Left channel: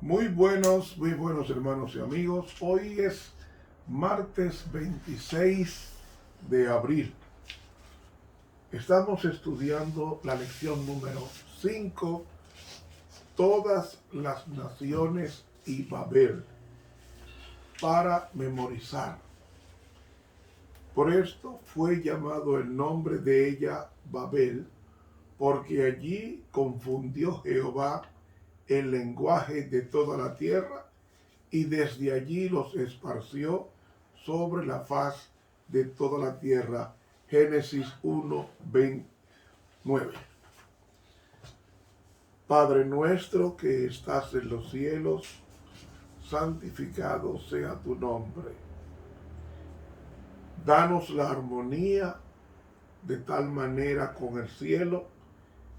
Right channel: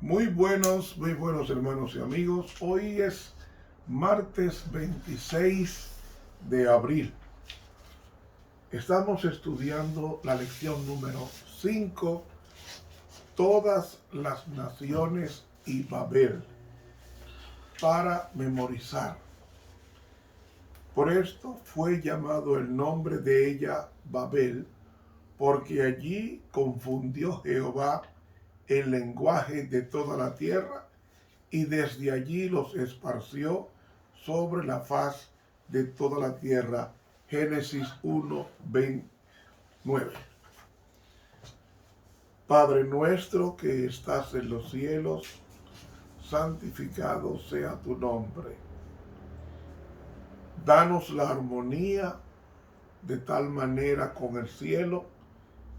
Muy buenos hermanos y amigos. Hoy es martes 26 de abril. Estamos estudiando la lección número 5, todas las naciones y Babel, para memorizar. Por esto fue llamado el nombre de ella Babel, porque allí confundió Jehová el lenguaje de toda la tierra, y desde allí los esparció sobre la faz de toda la tierra. Génesis 1:29. Padre nuestro que estás en los cielos, santificado sea tu nombre. Danos la armonía de tal manera con el cielo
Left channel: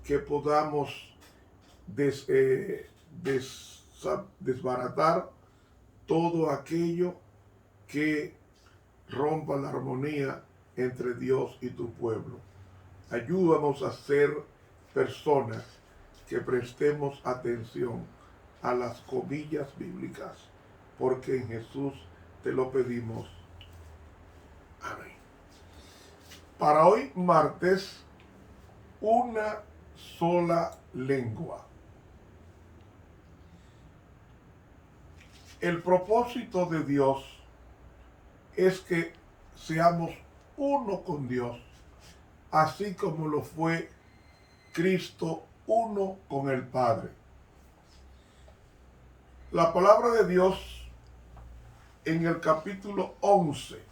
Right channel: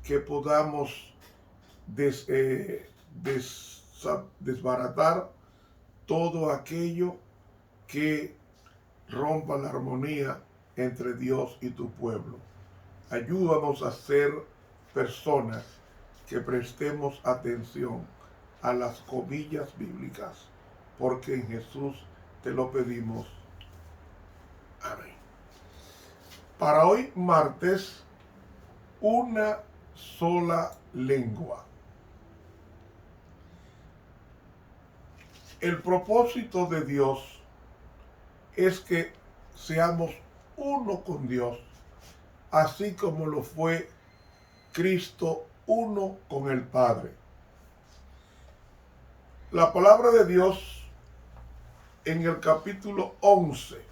que podamos desbaratar todo aquello que rompa la armonía entre Dios y tu pueblo. Ayúdanos a ser personas que prestemos atención a las comillas bíblicas, porque en Jesús te lo pedimos. Amén. Para hoy martes, una sola lengua. El propósito de Dios es que seamos uno con Dios, así como lo fue Cristo uno con el Padre. La palabra de Dios en el capítulo 11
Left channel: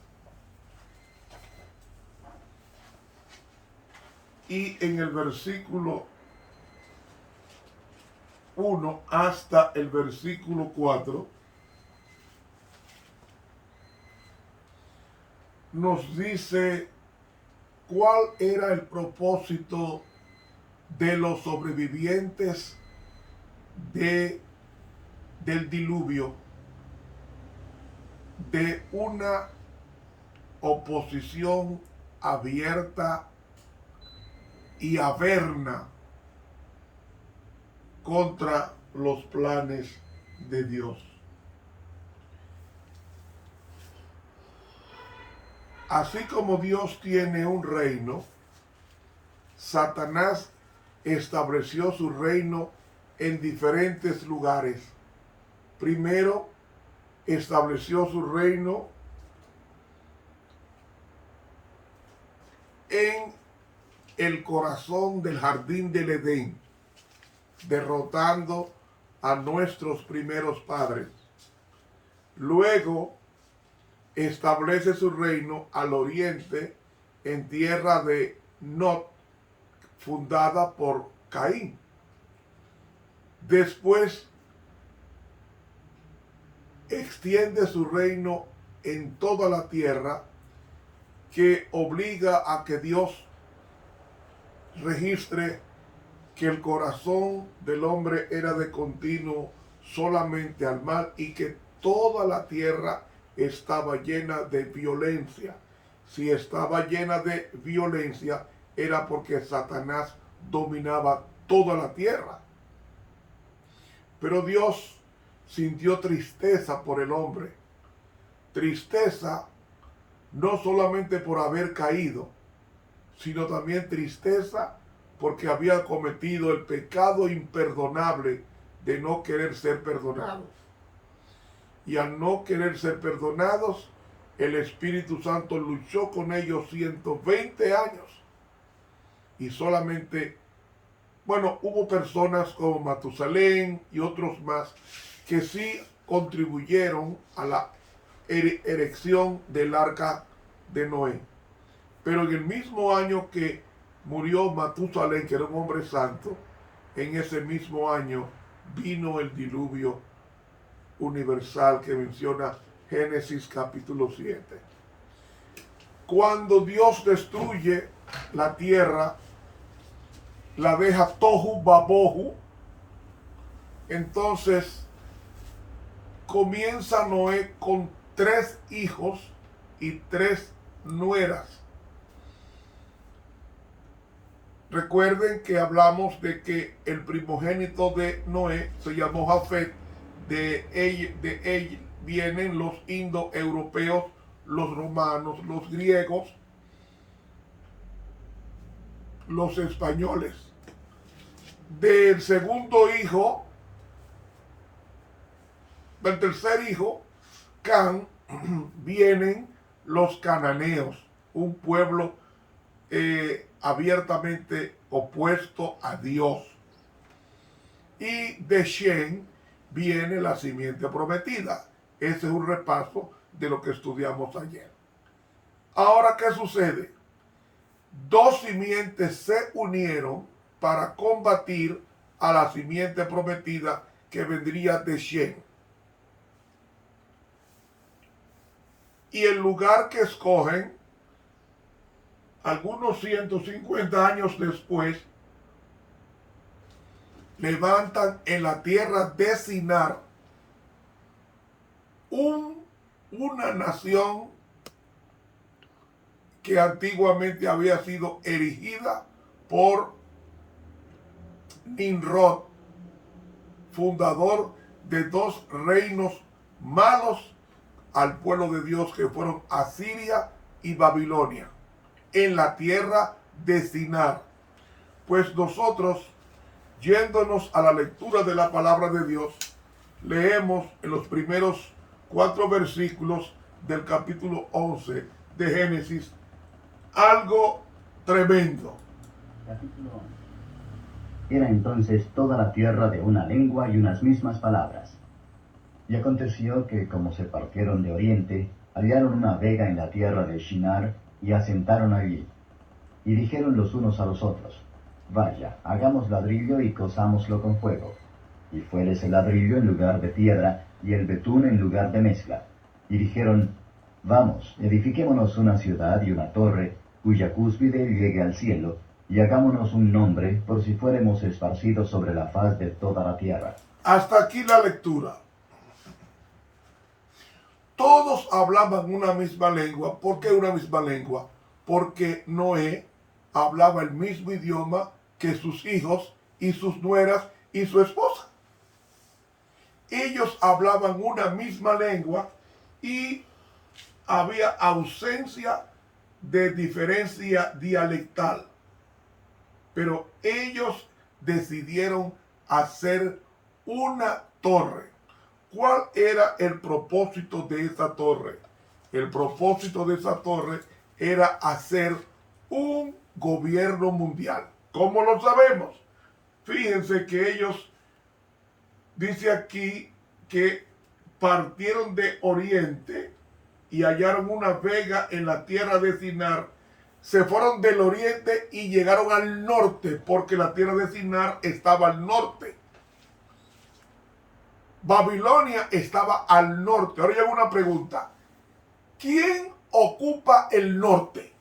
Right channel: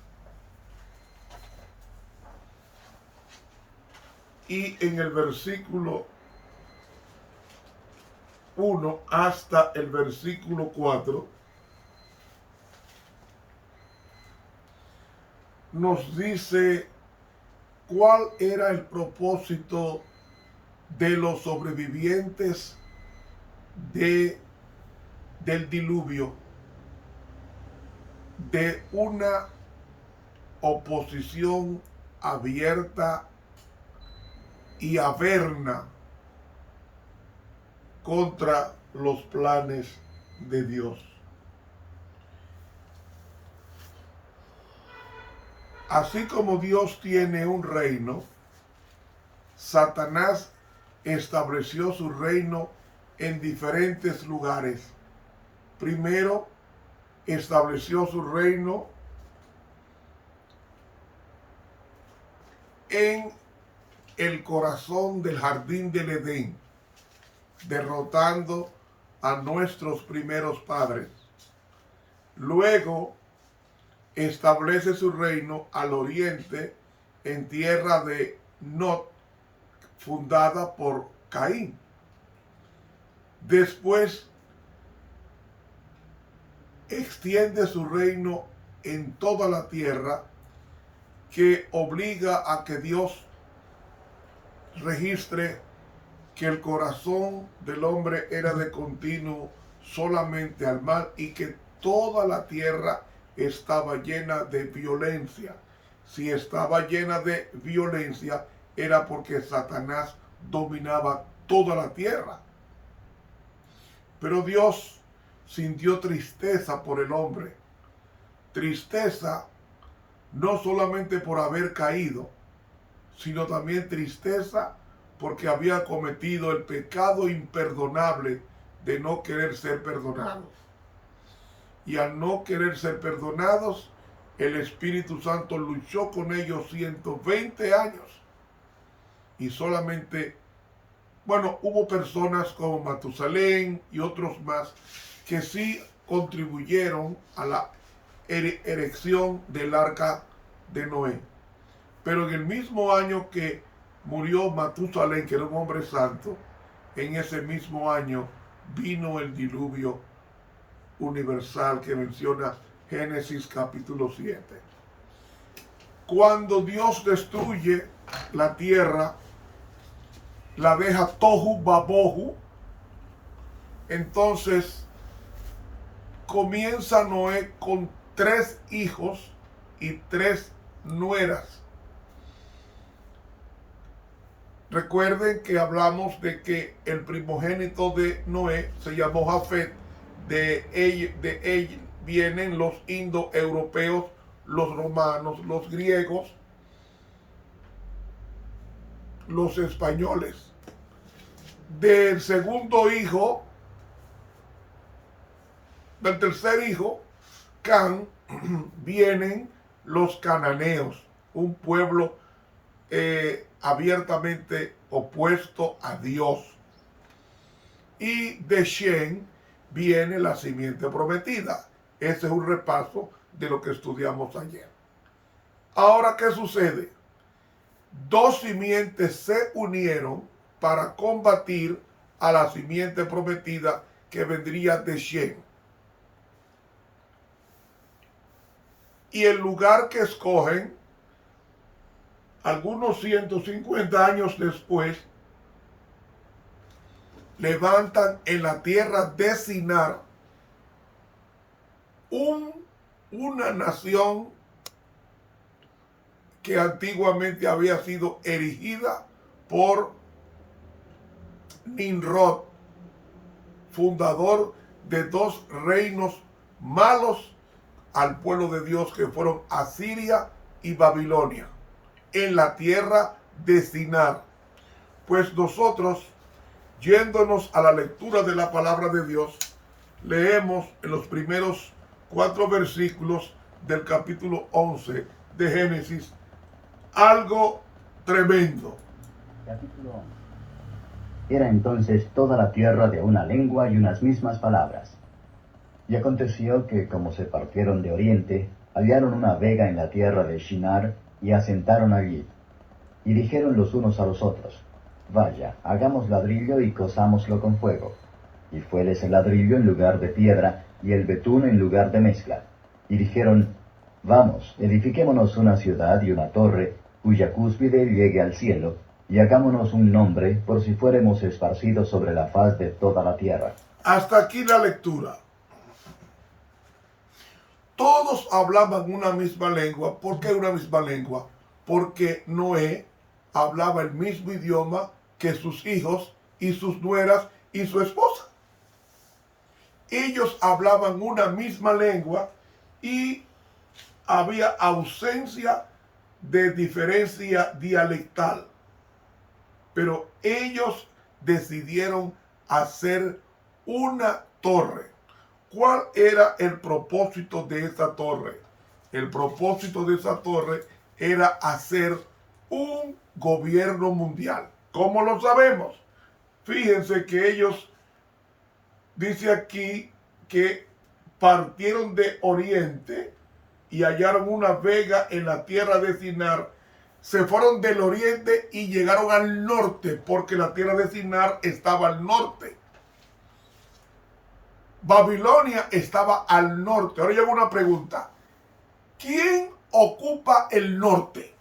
y en el versículo 1 hasta el versículo 4 nos dice cuál era el propósito de los sobrevivientes del diluvio, de una oposición abierta y averna contra los planes de Dios. Así como Dios tiene un reino, Satanás estableció su reino en diferentes lugares. Primero, estableció su reino en el corazón del jardín del Edén, derrotando a nuestros primeros padres. Luego, establece su reino al oriente en tierra de Nod, fundada por Caín. Después extiende su reino en toda la tierra, que obliga a que Dios registre que el corazón del hombre era de continuo solamente al mal y que toda la tierra estaba llena de violencia. Si estaba llena de violencia era porque Satanás dominaba toda la tierra. Pero Dios sintió tristeza por el hombre. Tristeza no solamente por haber caído, sino también tristeza porque había cometido el pecado imperdonable de no querer ser perdonados. Y al no querer ser perdonados, el Espíritu Santo luchó con ellos 120 años. Y solamente, hubo personas como Matusalén y otros más que sí contribuyeron a la erección del arca de Noé. Pero en el mismo año que murió Matusalén, que era un hombre santo, en ese mismo año vino el diluvio universal que menciona Génesis capítulo 7. Cuando Dios destruye la tierra, la deja tohu babohu, entonces comienza Noé con 3 hijos y 3 nueras. Recuerden que hablamos de que el primogénito de Noé se llamó Jafet, de él vienen los indoeuropeos, los romanos, los griegos, los españoles. Del segundo hijo, del tercer hijo, Can, vienen los cananeos, un pueblo abiertamente opuesto a Dios. Y de Shem viene la simiente prometida. Ese es un repaso de lo que estudiamos ayer. Ahora, ¿qué sucede? Dos simientes se unieron para combatir a la simiente prometida que vendría de Shem. Y el lugar que escogen, algunos 150 años después, levantan en la tierra de Sinar una nación que antiguamente había sido erigida por Nimrod, fundador de dos reinos malos al pueblo de Dios, que fueron Asiria y Babilonia, en la tierra de Sinar. Pues nosotros, yéndonos a la lectura de la palabra de Dios, leemos en los primeros 4 versículos del capítulo 11 de Génesis algo tremendo. Capítulo 11. Era entonces toda la tierra de una lengua y unas mismas palabras. Y aconteció que, como se partieron de oriente, hallaron una vega en la tierra de Shinar, y asentaron allí. Y dijeron los unos a los otros: Vaya, hagamos ladrillo y cozámoslo con fuego. Y fueles el ladrillo en lugar de piedra, y el betún en lugar de mezcla. Y dijeron: Vamos, edifiquémonos una ciudad y una torre, cuya cúspide llegue al cielo, y hagámonos un nombre, por si fuéremos esparcidos sobre la faz de toda la tierra. Hasta aquí la lectura. Todos hablaban una misma lengua. ¿Por qué una misma lengua? Porque Noé hablaba el mismo idioma que sus hijos y sus nueras y su esposa. Ellos hablaban una misma lengua y había ausencia de diferencia dialectal. Pero ellos decidieron hacer una torre. ¿Cuál era el propósito de esa torre? El propósito de esa torre era hacer un gobierno mundial. ¿Cómo lo sabemos? Fíjense que ellos, dice aquí, que partieron de oriente y hallaron una vega en la tierra de Sinar. Se fueron del oriente y llegaron al norte, porque la tierra de Sinar estaba al norte. Babilonia estaba al norte. Ahora llega una pregunta. ¿Quién ocupa el norte?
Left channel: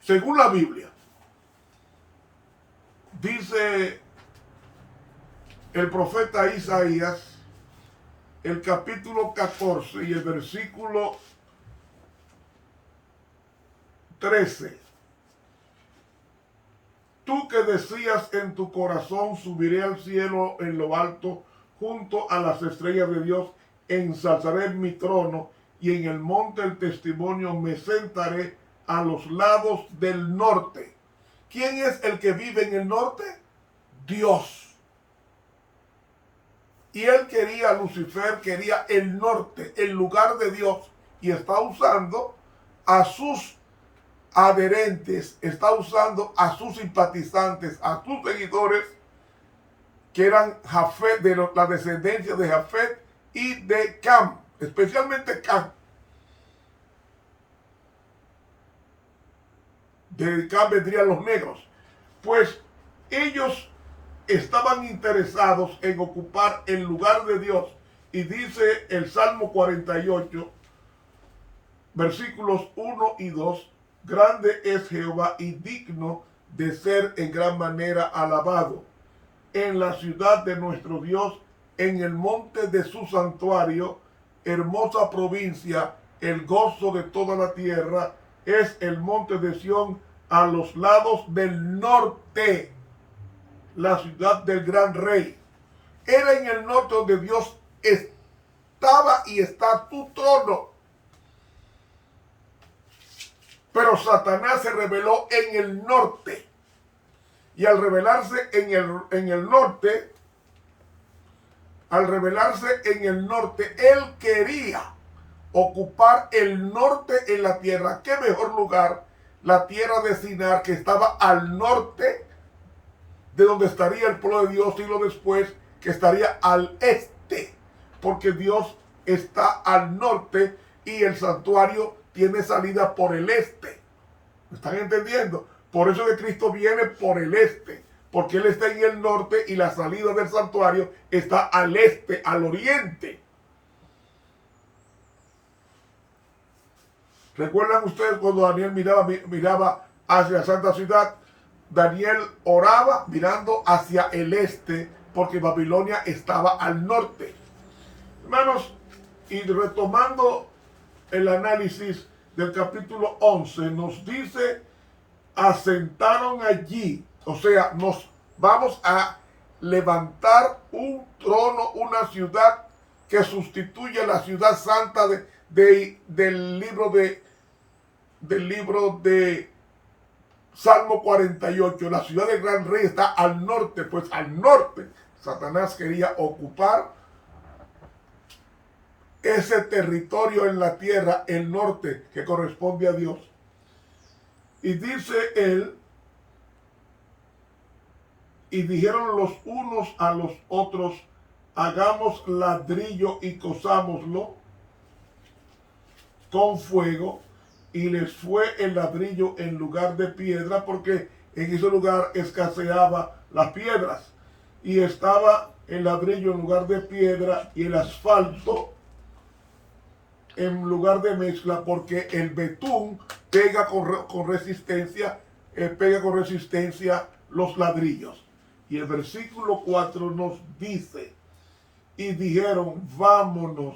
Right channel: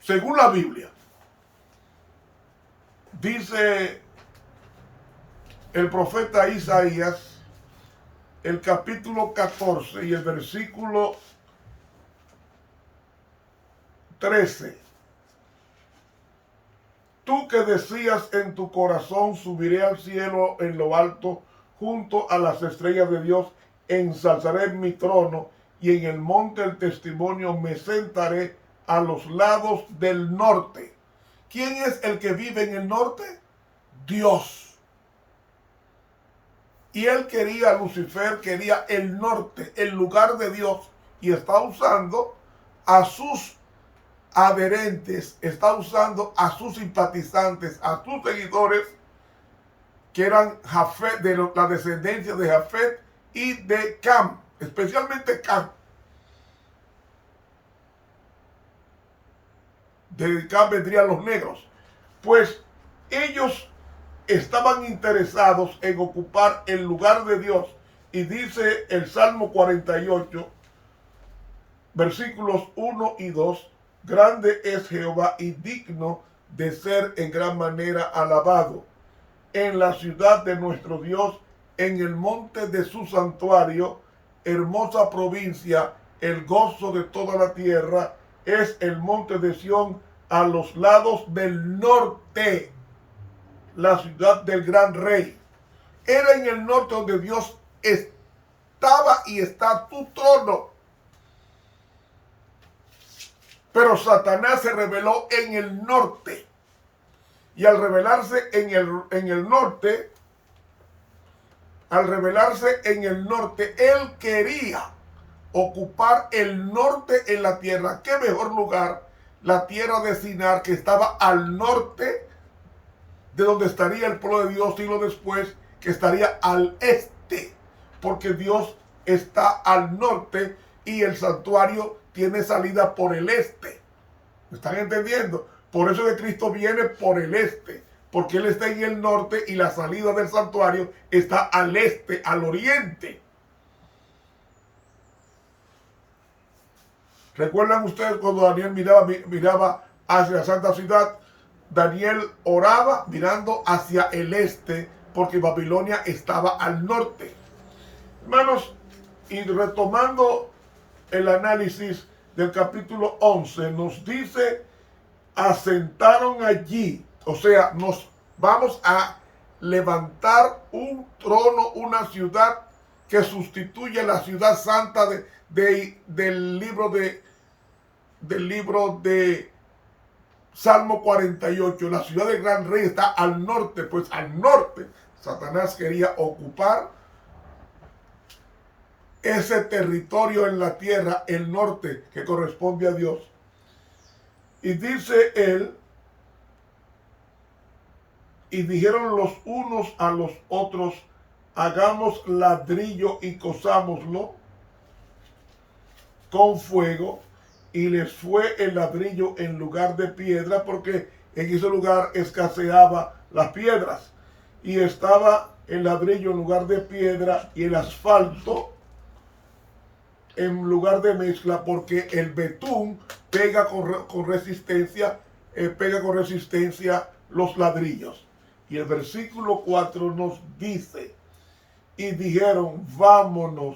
Según la Biblia, dice el profeta Isaías, el capítulo 14 y el versículo 13. Tú que decías en tu corazón: subiré al cielo en lo alto, junto a las estrellas de Dios, ensalzaré mi trono, y en el monte del testimonio me sentaré a los lados del norte. ¿Quién es el que vive en el norte? Dios. Y él quería, Lucifer quería el norte, el lugar de Dios, y está usando a sus adherentes, está usando a sus simpatizantes, a sus seguidores, que eran Jafet, de la descendencia de Jafet y de Cam, especialmente Cam. De Cam vendrían los negros. Pues ellos estaban interesados en ocupar el lugar de Dios. Y dice el Salmo 48, versículos 1 y 2, grande es Jehová y digno de ser en gran manera alabado en la ciudad de nuestro Dios, en el monte de su santuario, hermosa provincia, el gozo de toda la tierra, es el monte de Sión a los lados del norte, la ciudad del gran rey. era en el norte donde Dios estaba y está su trono. Pero Satanás se rebeló en el norte. Y al rebelarse en el norte, él quería ocupar el norte en la tierra. ¿Qué mejor lugar? La tierra de Sinar, que estaba al norte de donde estaría el pueblo de Dios siglo después, que estaría al este, porque Dios está al norte y el santuario tiene salida por el este. ¿Me están entendiendo? Por eso que Cristo viene por el este, porque Él está en el norte y la salida del santuario está al este, al oriente. ¿Recuerdan ustedes cuando Daniel miraba hacia la santa ciudad? Daniel oraba mirando hacia el este, porque Babilonia estaba al norte. Hermanos, y retomando el análisis del capítulo 11, nos dice, asentaron allí, o sea, nos vamos a levantar un trono, una ciudad que sustituye la ciudad santa del libro de Salmo 48. La ciudad del gran rey está al norte, pues al norte Satanás quería ocupar ese territorio en la tierra, el norte, que corresponde a Dios. Y dice él, y dijeron los unos a los otros, hagamos ladrillo y cosámoslo con fuego, y les fue el ladrillo en lugar de piedra, porque en ese lugar escaseaba las piedras, y estaba el ladrillo en lugar de piedra y el asfalto en lugar de mezcla, porque el betún pega con resistencia los ladrillos. Y el versículo 4 nos dice, y dijeron, vámonos,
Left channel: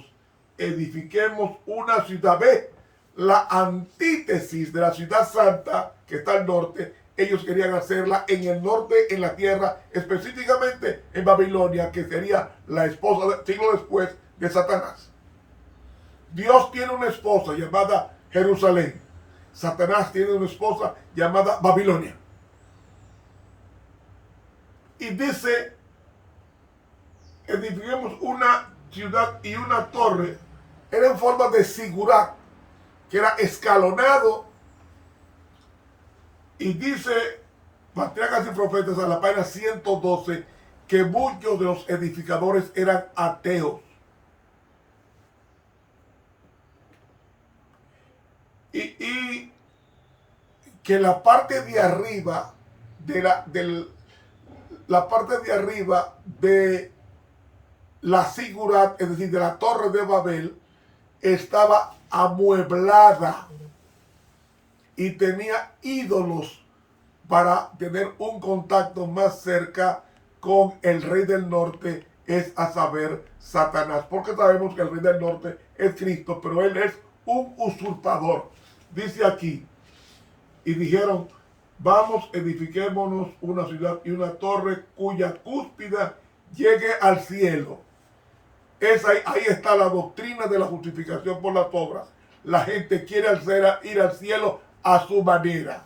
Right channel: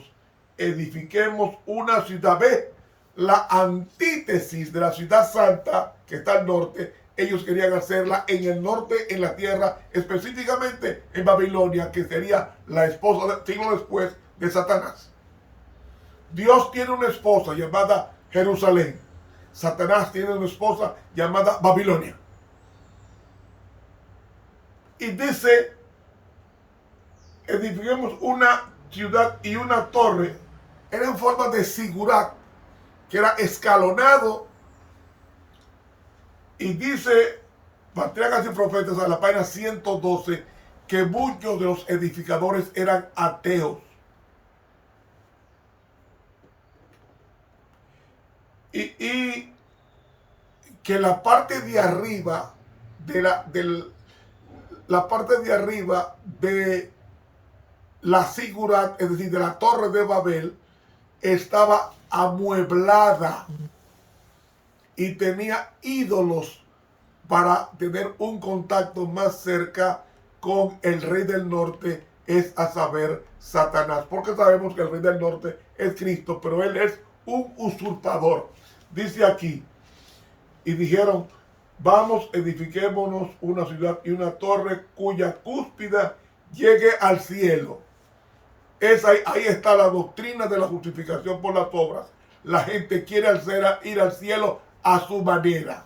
edifiquemos una ciudad. Ve, la antítesis de la ciudad santa que está al norte, ellos querían hacerla en el norte, en la tierra, específicamente en Babilonia, que sería la esposa siglo después de Satanás. Dios tiene una esposa llamada Jerusalén. Satanás tiene una esposa llamada Babilonia. Y dice, edifiquemos una ciudad y una torre. Era en forma de sigurat, que era escalonado. Y dice Patriarcas y Profetas en la página 112 que muchos de los edificadores eran ateos. Y que la parte de arriba la parte de arriba de la sigurat, es decir, de la torre de Babel, estaba amueblada y tenía ídolos para tener un contacto más cerca con el rey del norte, es a saber, Satanás, porque sabemos que el rey del norte es Cristo, pero él es un usurpador. Dice aquí, y dijeron, vamos, edifiquémonos una ciudad y una torre cuya cúspide llegue al cielo. Ahí está la doctrina de la justificación por las obras. La gente quiere ir al cielo a su manera.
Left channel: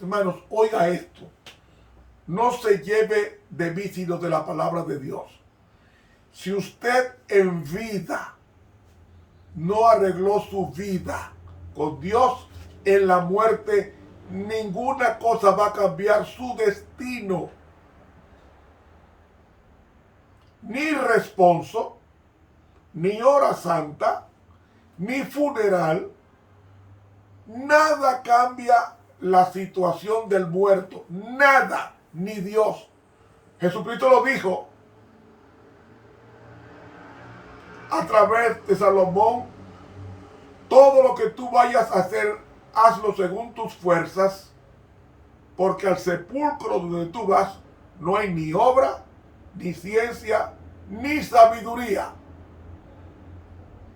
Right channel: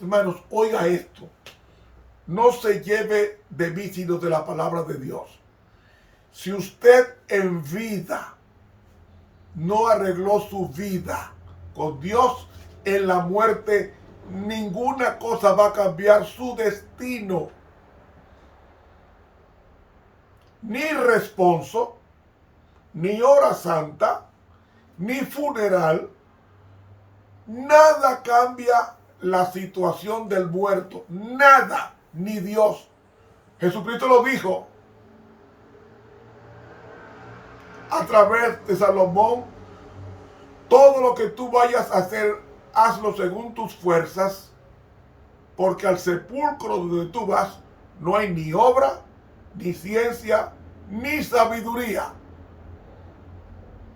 Hermanos, oiga esto. No se lleve de mí sino de la palabra de Dios. Si usted en vida no arregló su vida con Dios, en la muerte ninguna cosa va a cambiar su destino. Ni responso, ni hora santa, ni funeral, nada cambia la situación del muerto, nada, ni Dios. Jesucristo lo dijo a través de Salomón: todo lo que tú vayas a hacer, hazlo según tus fuerzas, porque al sepulcro donde tú vas no hay ni obra, ni ciencia, ni sabiduría.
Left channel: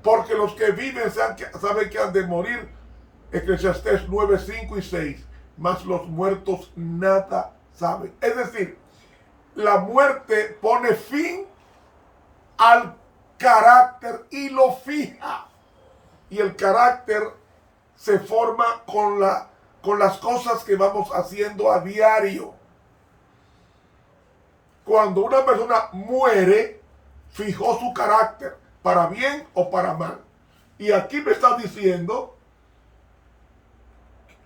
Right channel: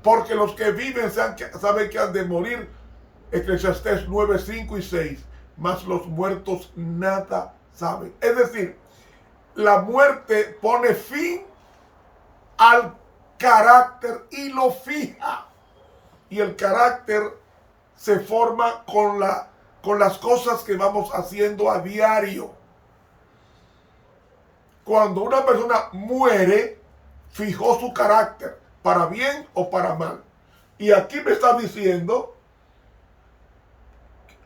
Porque los que viven saben que han de morir. Eclesiastés 9, 5 y 6. Mas los muertos nada saben. Es decir, la muerte pone fin al carácter y lo fija. Y el carácter se forma con las cosas que vamos haciendo a diario. Cuando una persona muere, fijó su carácter, para bien o para mal. Y aquí me está diciendo,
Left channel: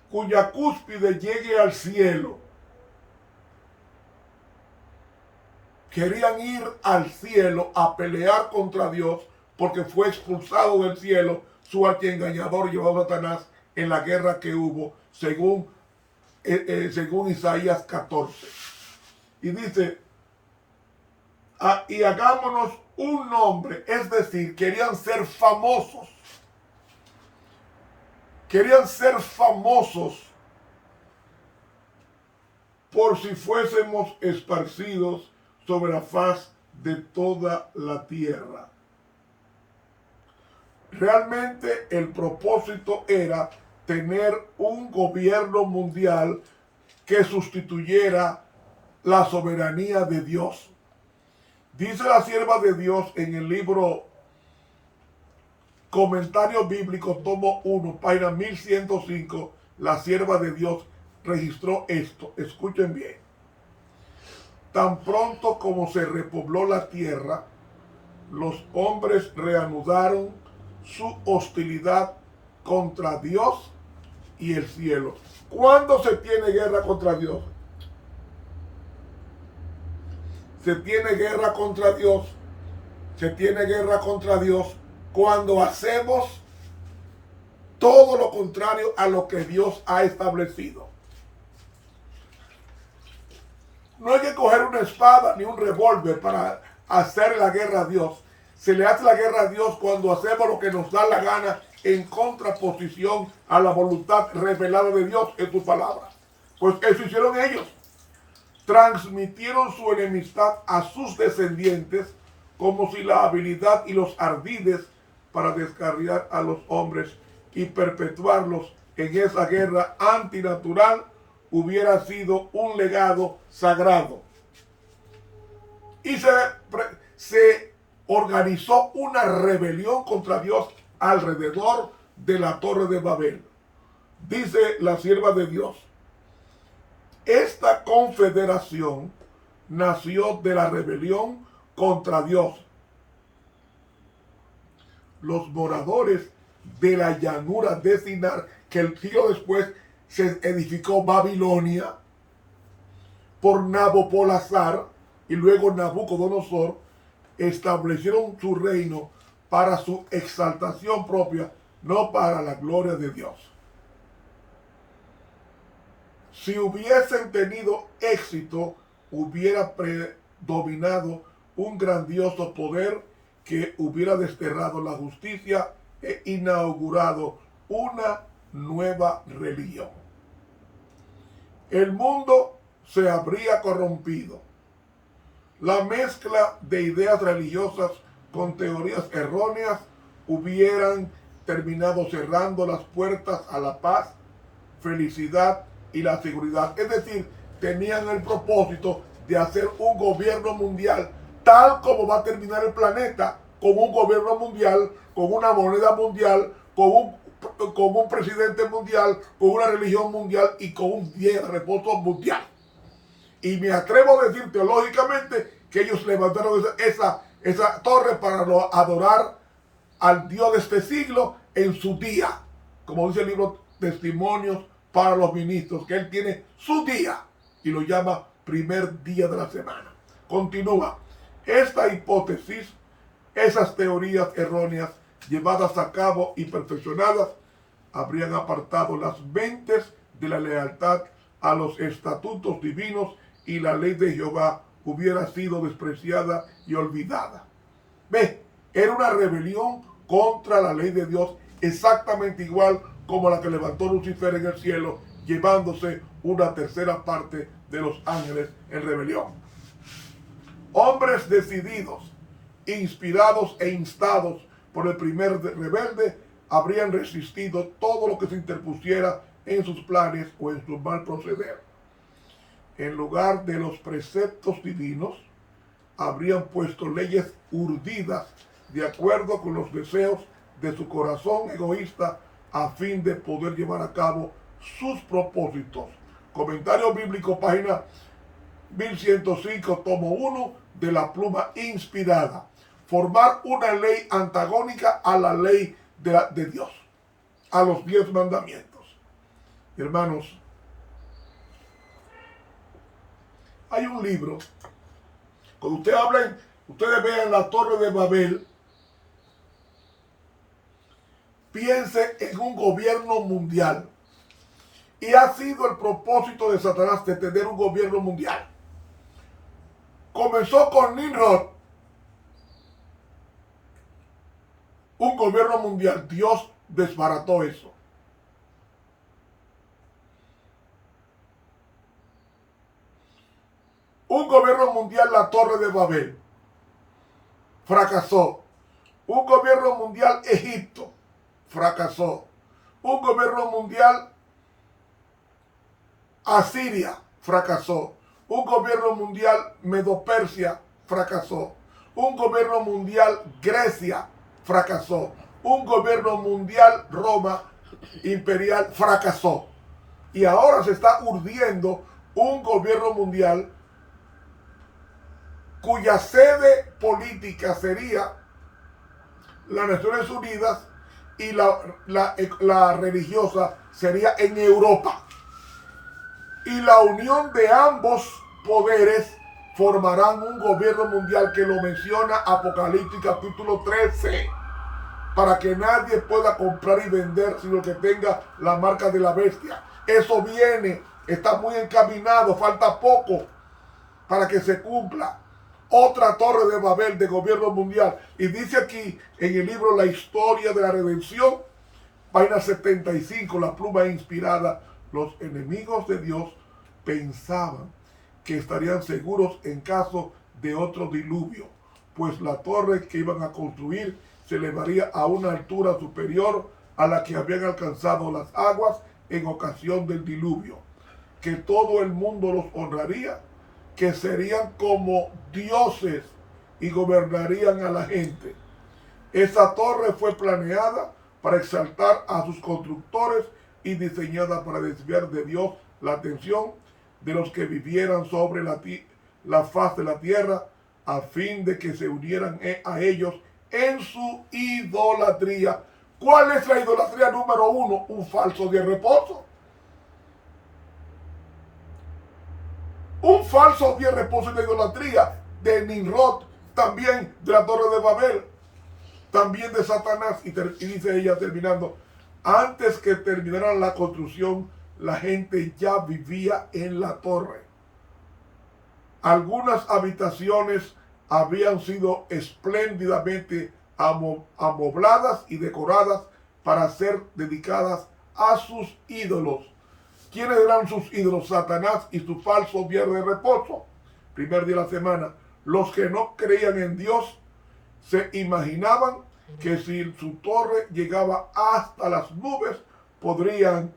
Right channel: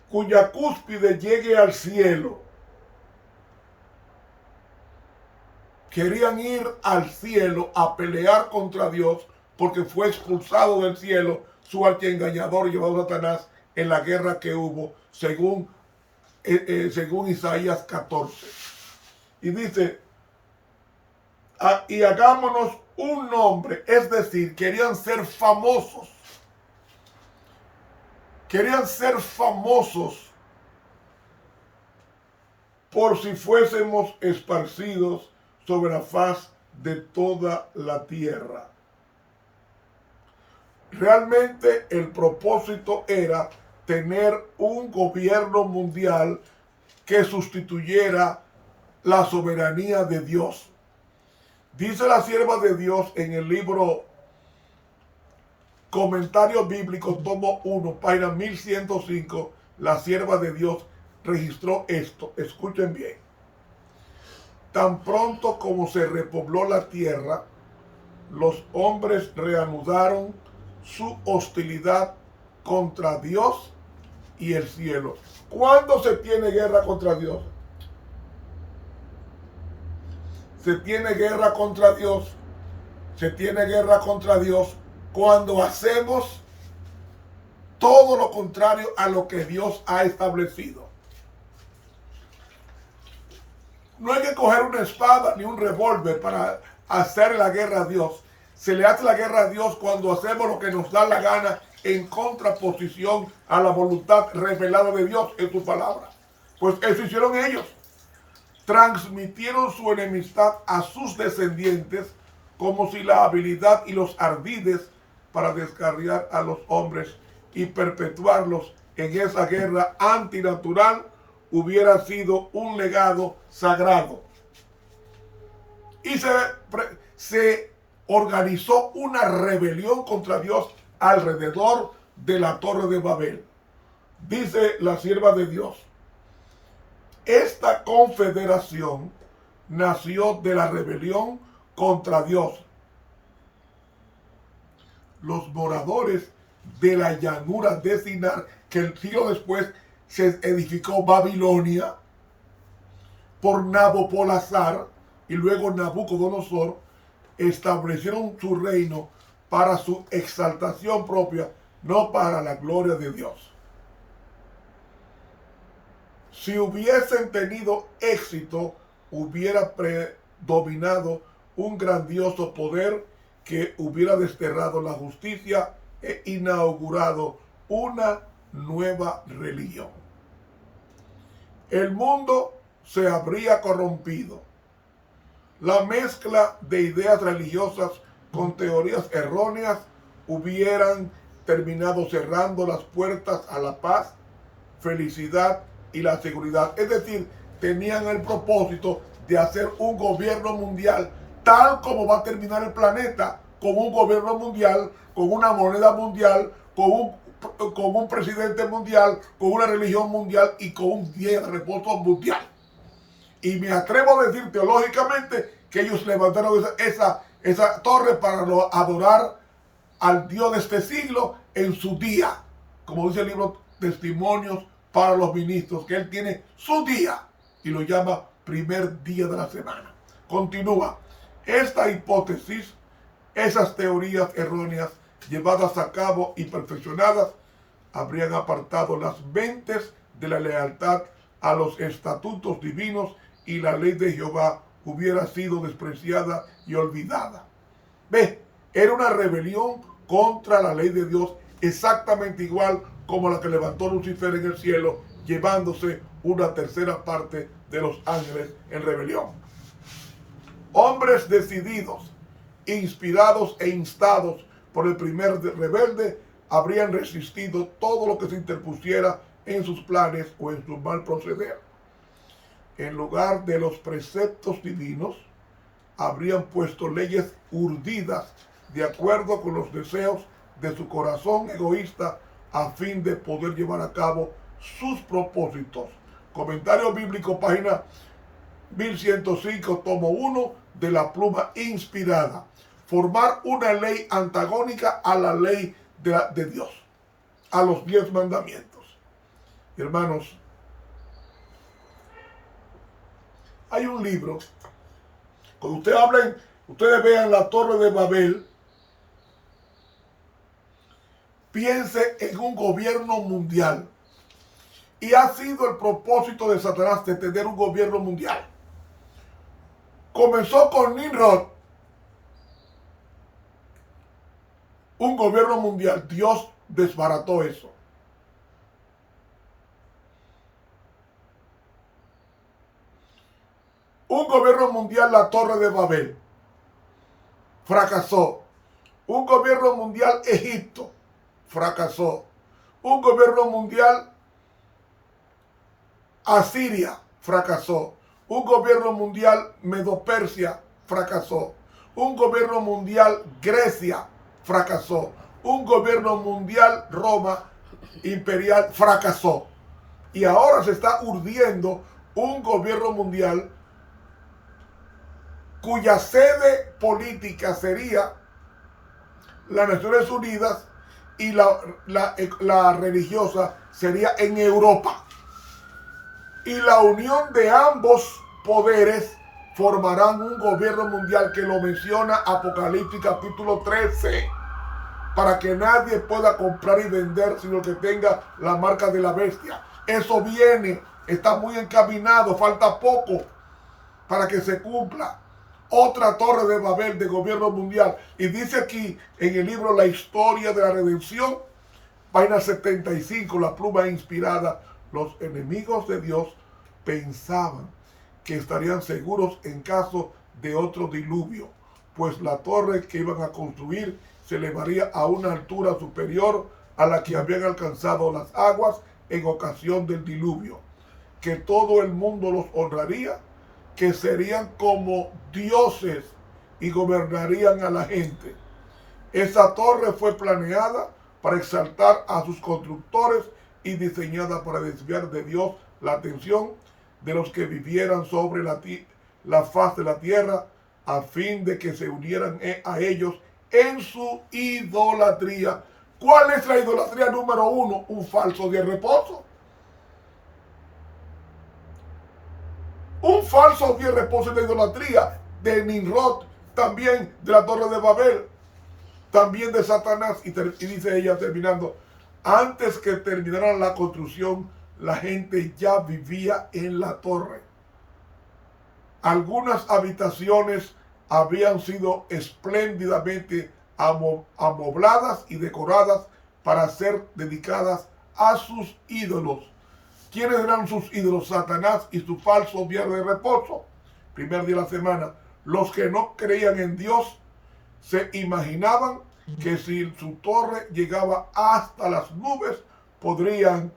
cuya cúspide llegue al cielo. Querían ir al cielo a pelear contra Dios porque fue expulsado del cielo su archiengañador llevado a Satanás en la guerra que hubo, según Isaías 14. Y dice, y hagámonos un nombre, es decir, querían ser famosos. Querían ser famosos por si fuésemos esparcidos sobre la faz de toda la tierra. Realmente el propósito era tener un gobierno mundial que sustituyera la soberanía de Dios. Dice la sierva de Dios en el libro Comentario Bíblico, tomo 1, página 1105, la sierva de Dios registró esto. Escuchen bien. Tan pronto como se repobló la tierra, los hombres reanudaron su hostilidad contra Dios y el cielo. ¿Cuándo se tiene guerra contra Dios? Se tiene guerra contra Dios. Se tiene guerra contra Dios cuando hacemos todo lo contrario a lo que Dios ha establecido. No hay que coger una espada ni un revólver para hacer la guerra a Dios. Se le hace la guerra a Dios cuando hacemos lo que nos da la gana en contraposición a la voluntad revelada de Dios en su palabra. Pues eso hicieron ellos. Transmitieron su enemistad a sus descendientes como si la habilidad y los ardides para descarriar a los hombres y perpetuarlos en esa guerra antinatural hubiera sido un legado sagrado. Y se organizó una rebelión contra Dios alrededor de la Torre de Babel. Dice la sierva de Dios, esta confederación nació de la rebelión contra Dios. Los moradores de la llanura de Sinar, que el siglo después se edificó Babilonia por Nabopolassar y luego Nabucodonosor, establecieron su reino para su exaltación propia, no para la gloria de Dios. Si hubiesen tenido éxito, hubiera predominado un grandioso poder que hubiera desterrado la justicia e inaugurado una nueva religión. El mundo se habría corrompido. La mezcla de ideas religiosas con teorías erróneas hubieran terminado cerrando las puertas a la paz, felicidad y la seguridad. Es decir, tenían el propósito de hacer un gobierno mundial tal como va a terminar el planeta, con un gobierno mundial, con una moneda mundial, con un presidente mundial, con una religión mundial y con un día de reposo mundial. Y me atrevo a decir teológicamente que ellos levantaron esa torre para adorar al Dios de este siglo en su día. Como dice el libro Testimonios para los Ministros, que él tiene su día y lo llama primer día de la semana. Continúa. Esta hipótesis, esas teorías erróneas llevadas a cabo y perfeccionadas, habrían apartado las mentes de la lealtad a los estatutos divinos y la ley de Jehová hubiera sido despreciada y olvidada. Ve, era una rebelión contra la ley de Dios, exactamente igual como la que levantó Lucifer en el cielo, llevándose una tercera parte de los ángeles en rebelión. Hombres decididos, inspirados e instados por el primer rebelde, habrían resistido todo lo que se interpusiera en sus planes o en su mal proceder. en lugar de los preceptos divinos, habrían puesto leyes urdidas de acuerdo con los deseos de su corazón egoísta a fin de poder llevar a cabo sus propósitos. Comentario bíblico, página 1105, tomo 1 de la pluma inspirada. Formar una ley antagónica a la ley de Dios, a los 10 mandamientos. Hermanos, hay un libro, cuando ustedes vean la Torre de Babel, piense en un gobierno mundial. Y ha sido el propósito de Satanás de tener un gobierno mundial. Comenzó con Nimrod, un gobierno mundial. Dios desbarató eso. Un gobierno mundial, la Torre de Babel, fracasó. Un gobierno mundial, Egipto, fracasó. Un gobierno mundial, Asiria, fracasó. Un gobierno mundial, Medo-Persia, fracasó. Un gobierno mundial, Grecia, fracasó. Un gobierno mundial, Roma imperial, fracasó. Y ahora se está urdiendo un gobierno mundial cuya sede política sería las Naciones Unidas y la religiosa sería en Europa. Y la unión de ambos poderes formarán un gobierno mundial que lo menciona Apocalipsis capítulo 13, para que nadie pueda comprar y vender sino que tenga la marca de la bestia. Eso viene, está muy encaminado, falta poco para que se cumpla. Otra Torre de Babel de gobierno mundial. Y dice aquí en el libro La Historia de la Redención, página 75, la pluma inspirada: los enemigos de Dios pensaban que estarían seguros en caso de otro diluvio, pues la torre que iban a construir se elevaría a una altura superior a la que habían alcanzado las aguas en ocasión del diluvio, que todo el mundo los honraría, que serían como dioses y gobernarían a la gente. Esa torre fue planeada para exaltar a sus constructores y diseñada para desviar de Dios la atención de los que vivieran sobre la faz de la tierra, a fin de que se unieran a ellos en su idolatría. ¿Cuál es la idolatría número 1? Un falso día de reposo. Un falso día de reposo es la idolatría de Nimrod, también de la Torre de Babel, también de Satanás. Y dice ella terminando: antes que terminaran la construcción, la gente ya vivía en la torre. Algunas habitaciones habían sido espléndidamente amobladas y decoradas para ser dedicadas a sus ídolos. ¿Quiénes eran sus ídolos? Satanás y su falso día de reposo, primer día de la semana. Los que no creían en Dios se imaginaban que si su torre llegaba hasta las nubes, podrían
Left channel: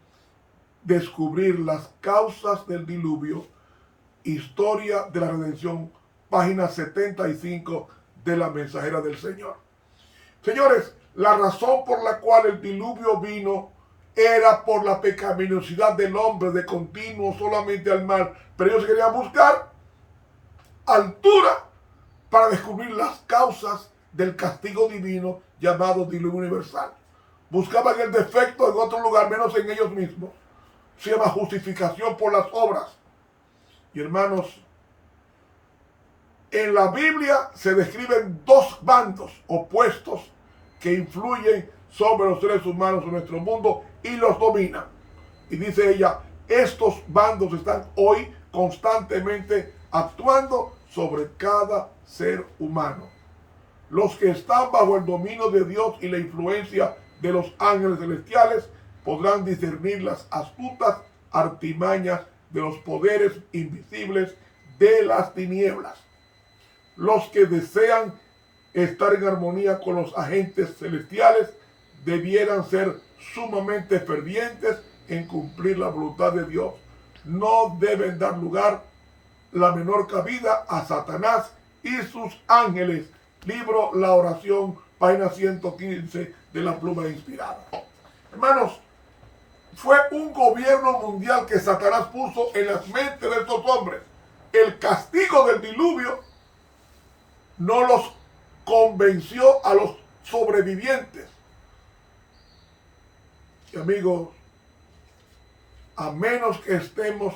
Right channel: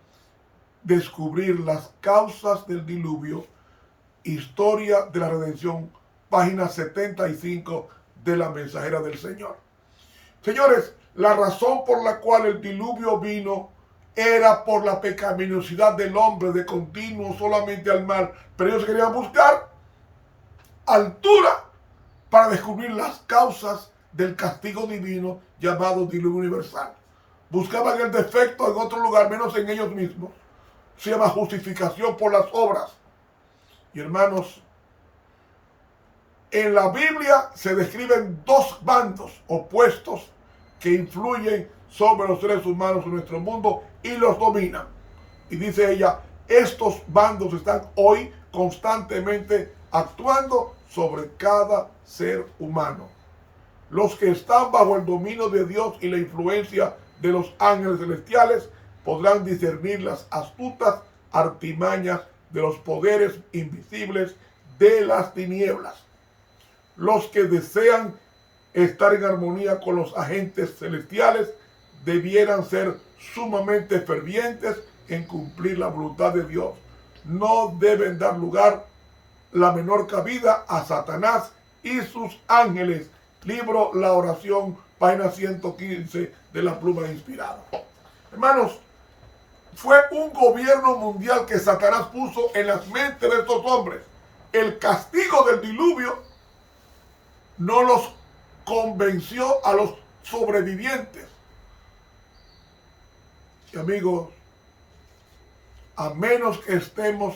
descubrir las causas del diluvio. Historia de la Redención, página 75 de la Mensajera del Señor. Señores, la razón por la cual el diluvio vino era por la pecaminosidad del hombre de continuo solamente al mal. Pero ellos querían buscar altura para descubrir las causas del castigo divino llamado diluvio universal. Buscaban el defecto en otro lugar, menos en ellos mismos. Se llama justificación por las obras. Y hermanos, en la Biblia se describen dos bandos opuestos que influyen sobre los seres humanos en nuestro mundo y los dominan. Y dice ella, estos bandos están hoy constantemente actuando sobre cada ser humano. Los que están bajo el dominio de Dios y la influencia de los ángeles celestiales podrán discernir las astutas artimañas de los poderes invisibles de las tinieblas. Los que desean estar en armonía con los agentes celestiales debieran ser sumamente fervientes en cumplir la voluntad de Dios. no deben dar lugar la menor cabida a Satanás y sus ángeles. Libro La Oración, página 115 de la Pluma Inspirada. Hermanos, fue un gobierno mundial que Satanás puso en las mentes de estos hombres. El castigo del diluvio no los convenció a los sobrevivientes. Y amigos, a menos que estemos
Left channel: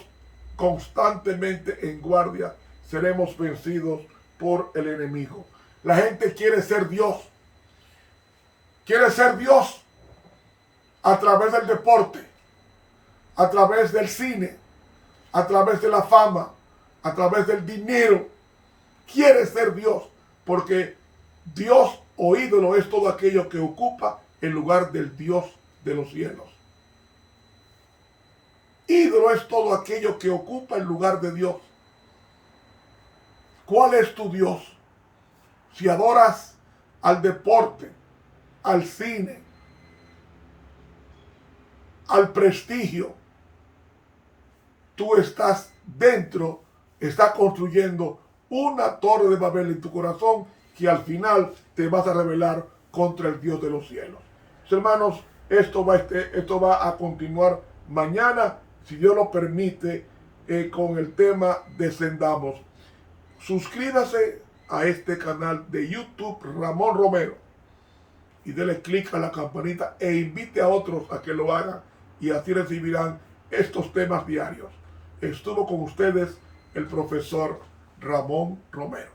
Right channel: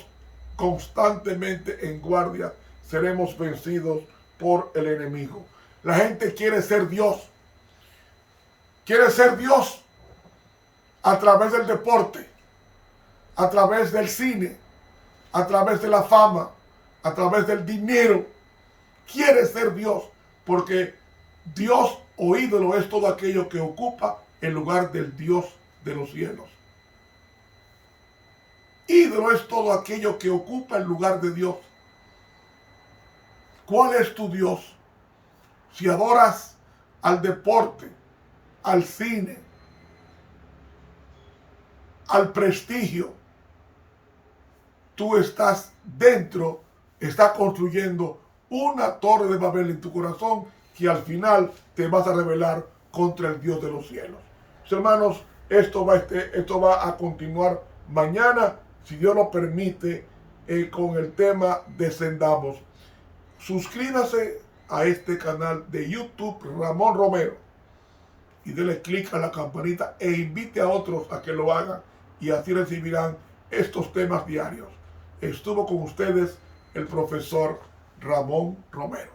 constantemente en guardia, seremos vencidos por el enemigo. La gente quiere ser Dios. Quiere ser Dios a través del deporte, a través del cine, a través de la fama, a través del dinero. Quiere ser Dios, porque Dios o ídolo es todo aquello que ocupa el lugar del Dios de los cielos. Ídolo es todo aquello que ocupa el lugar de Dios. ¿Cuál es tu Dios? Si adoras al deporte, al cine, al prestigio, tú estás construyendo una torre de Babel en tu corazón que al final te vas a rebelar contra el Dios de los cielos. Mis hermanos, esto va a continuar mañana, si Dios lo permite, con el tema Descendamos. Suscríbase a este canal de YouTube Ramón Romero y dele clic a la campanita e invite a otros a que lo hagan, y así recibirán estos temas diarios. Estuvo con ustedes el profesor Ramón Romero.